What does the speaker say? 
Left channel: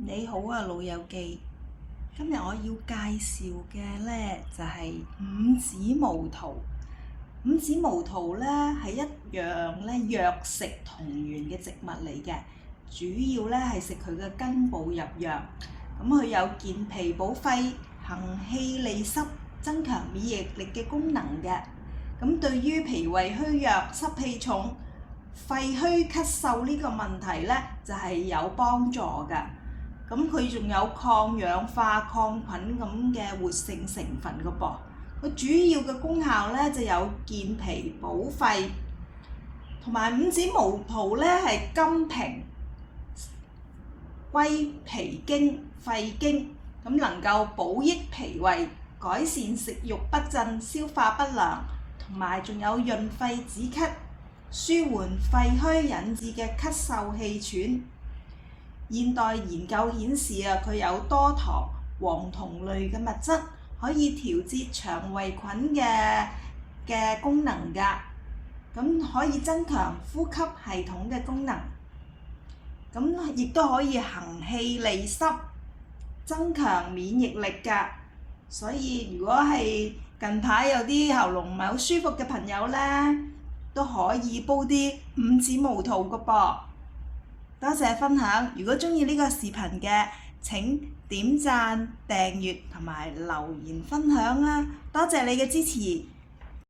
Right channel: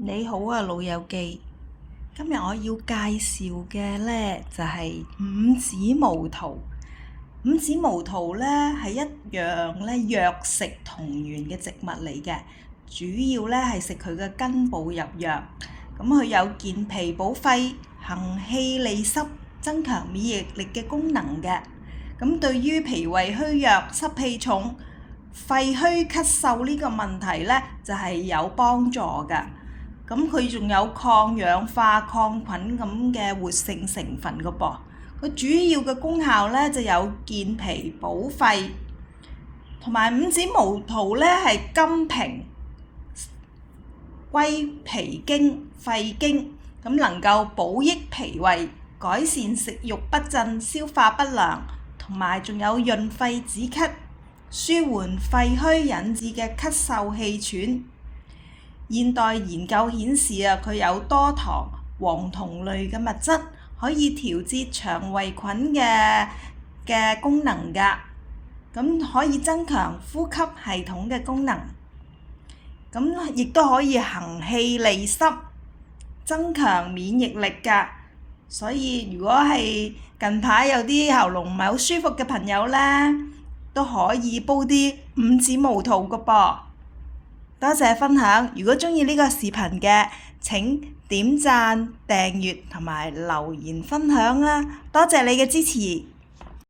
你好啊，老友記。今日我要介紹嘅呢就係五指毛桃。五指毛桃呢係一樣呢藥食同源嘅植物嚟嘅，主要呢係食佢嘅根部入藥。咁佢有健脾補肺、行氣利濕、增強免疫力嘅功能嘅。咁對於脾胃虛弱、濕氣重、肺虛咳嗽呢個問題呢，就係有幫助㗎。咁佢仲有抗氧化、抗菌咁嘅活性成分㗎噃。佢主要嘅功效呢就有健脾補肺，同埋五指毛桃呢係甘平、歸脾經、肺經，咁能夠補益脾胃、改善食慾不振、消化不良，同埋仲有潤肺止咳、舒緩肺虛引致嘅咳嗽氣喘。現代研究顯示佢有多糖、黃酮類嘅物質，可以調節腸胃菌嘅功能㗎。咁可以增強呼吸系統嘅功能。咁亦都可以行氣利濕，增強免疫力㗎。所以如果係近排有啲喉嚨唔係好舒服嘅朋友呢，都可以煲啲五指毛桃㗎噃。多謝分享，如果鍾意呢個視頻嘅，請點讚、訂閱同埋留言分享啊！多謝你嘅支持。